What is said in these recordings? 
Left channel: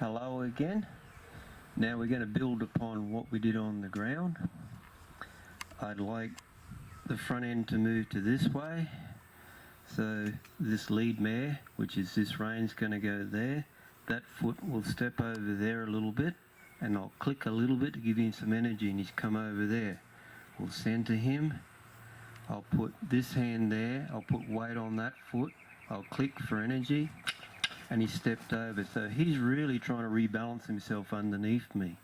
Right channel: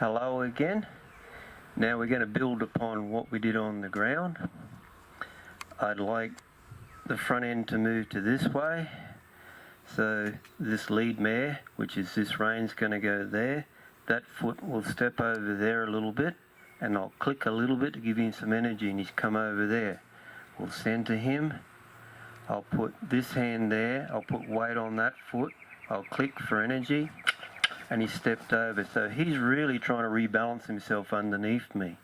Hello again. Now we're going to build upon what we did on the ground. I'd like the front end to move to this way. So this lead mare, which is this reign's going to go there. That foot will step over there a little bit, and I'll click a little bit to give him some energy, and he's come over there. We'll centre him. I'll put this hand there. I'll put weight on that foot. I'll click for energy. And he stepped over, so he's really trying to rebalance himself underneath me.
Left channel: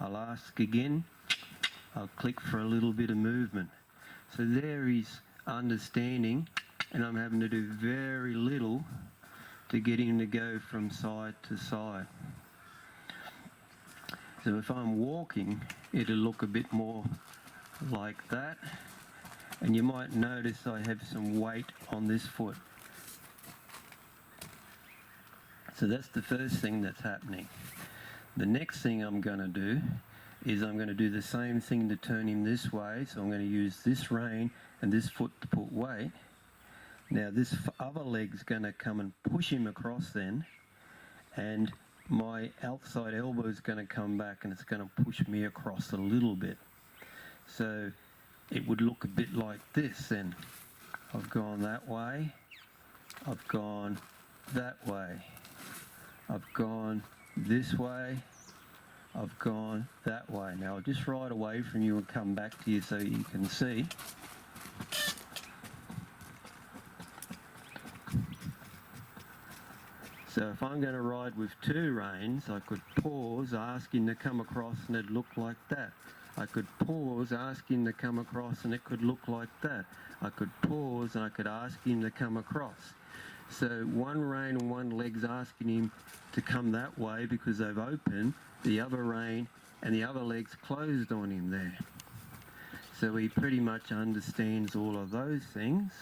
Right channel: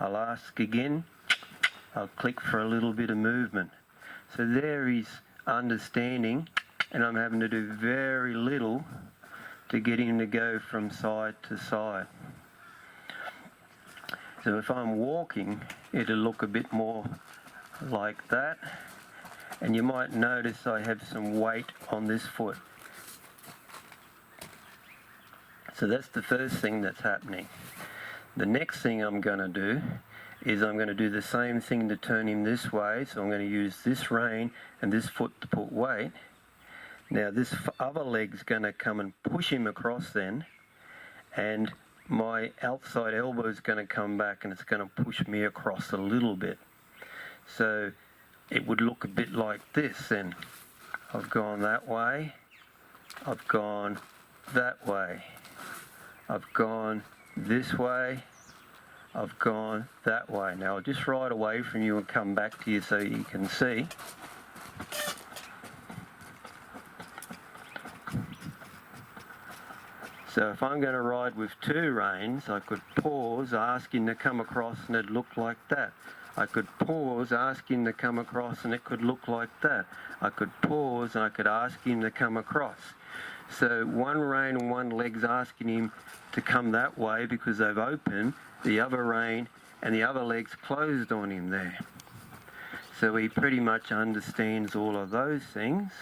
I'll ask again, I'll click for a little bit of movement. So there he's understanding, and I'm having to do very little to get him to go from side to side. So if I'm walking, it'll look a bit more like that, and you might notice I have some weight on this foot. So that's the first thing that's happening. The next thing I'm going to do is I'm going to do the same thing to turn him this way. So I'm going to use this rein and this foot to put weight. Now this other leg's going to come and push him across then, and my outside elbow is going to come back and it's going to push me across a little bit. So it would look a bit like this then. I've gone that way, I've gone that way. I've gone this way, I've gone that way. Now I'll just ride away from you and come back to you so you can see. So if I'm going to ride with two reins, I could pause, ask him to come across, and it'd look like that. I could pause, ask him to come across, and it could look like that. I could pause and I could ask him to come across. So one rein and one leg's asking him to come that way because they've opened, the other rein and the other leg's closed on him there. So he pretty much understands all of those things.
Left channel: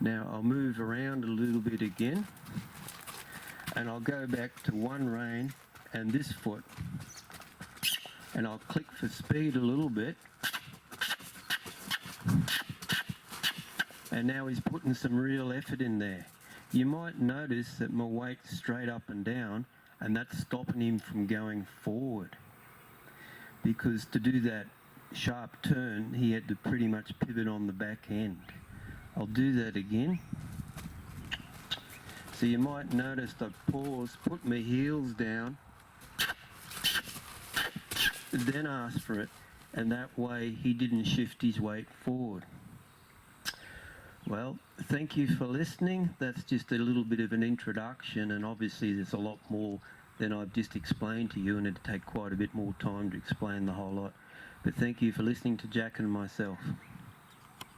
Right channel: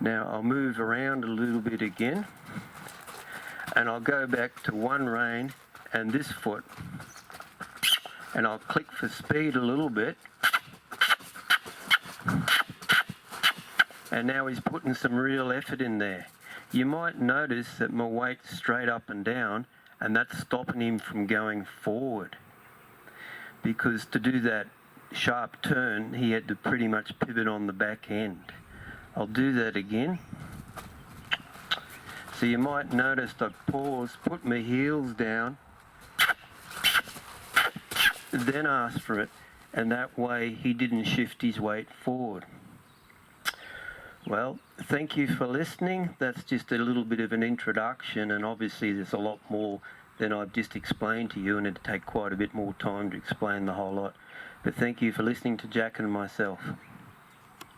Now I'll move around a little bit again, and I'll go back to one rein and this foot, and I'll click for speed a little bit. And now he's putting some real effort in there. You might notice that my weight's straight up and down, and that's stopping him from going forward. Because to do that sharp turn, he had to pretty much pivot on the back end. I'll do that again. So you might notice I paused, put my heels down, then asked for it, and that way he didn't shift his weight forward. Well, thank you for listening. That's just a little bit of an introduction, and obviously there's a lot more than I've just explained to you, and it'd take quite a bit more time to explain the whole lot. But thank you for listening to Jack and myself.